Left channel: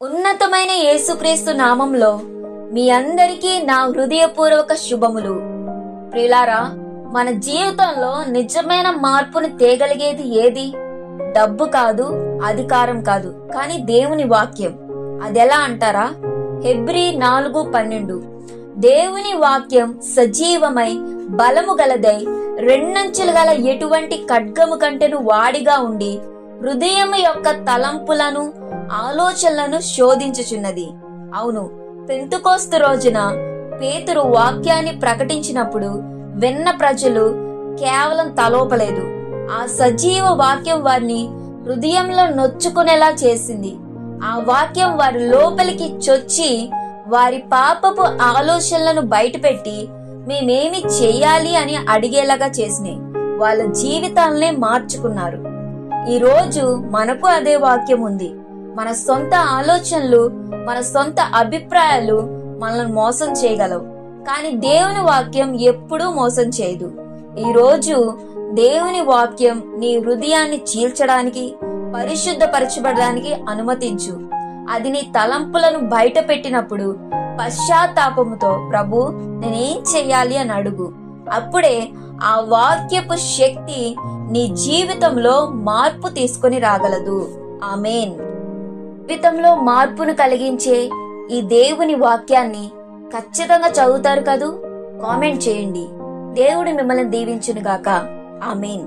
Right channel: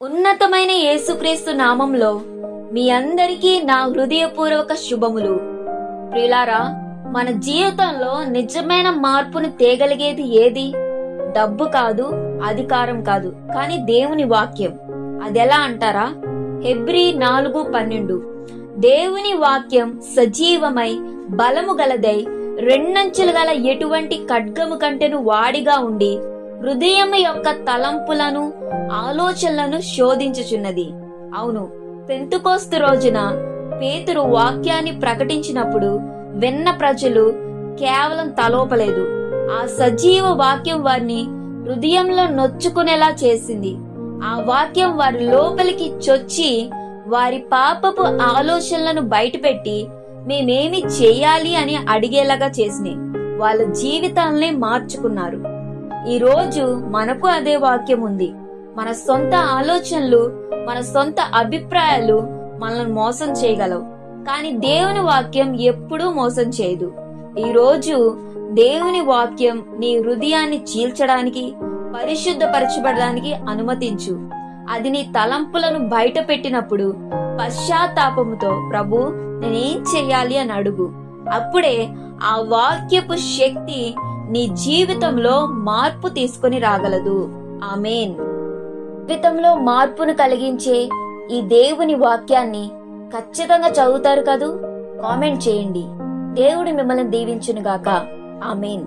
ఉన్నతమైన యేసుక్రీస్తు నామంలో మీ అందరికీ నా హృదయపూర్వక శుభములు. ప్రియులారా, మన జీవితంలో నిజమైన మార్పుని తేగలిగేది ఏది? డబ్బు కాదు, అధికారం కాదు, కానీ దేవుని వాక్యం. అదెలా అంటారా? హెబ్రీ 4:12 దేవుని వాక్యం సజీవమై బలము గలదై రెండంచులు గల ఎటువంటి ఖడ్గము కంటెను వాడిగా ఉండి హృదయము యొక్క తలంపులను ఆలోచనలను శోధించుచున్నది. అవును, పెంతుకోస్తు రోజున పేతురు వాక్యాన్ని ప్రకటించినప్పుడు విన్న ప్రజలు కేవలం తలోపలేదు. ఆ సజీవ వాక్యం వారిని హృదయంలో నొచ్చుకునేలా చేసింది. ఆ వాక్యం వారి లోపలికి చొచ్చి వారి పాపపు ఆలోచనలను బయటపెట్టి మేమేమి చేయాలి అని అడిగేలాగా చేసినాయి. వాళ్ళ జీవితాలనే మార్చుకున్నారు. ఈ రోజు మనకు అదే వాక్యం ఉంది. మన సొంత ఆలోచనలు, మన సొంత అభిప్రాయాలు మనల్ని మోసం చేయగలవు, కానీ దేవుని వాక్యం ఎప్పుడూ మోసం చేయదు. ఈ రోజు దేవుని వాక్యం నీ హృదయాన్ని చీల్చడానికి, పరిశుద్ధపరచబడడానికి అనుమతించు. అది నీ తలంపులను బయట పెట్టినప్పుడు పశ్చాత్తాపముతో ప్రభు నేనేం చెయ్యాలి అని అడుగు. అప్పుడే ఆ వాక్యపు శక్తి నీ జీవితంలో మార్పు తీసుకొని రాగలదు. ఆమేన్. జీవితంలో మార్పును కలిగించే ఈ దేవుని వాక్యాన్ని ఖచ్చితంగా చదువుతారు కదూ? కామెంట్ చేయండి. దేవుడు మిమ్మల్ని దీవించును గాక. ఆమేన్.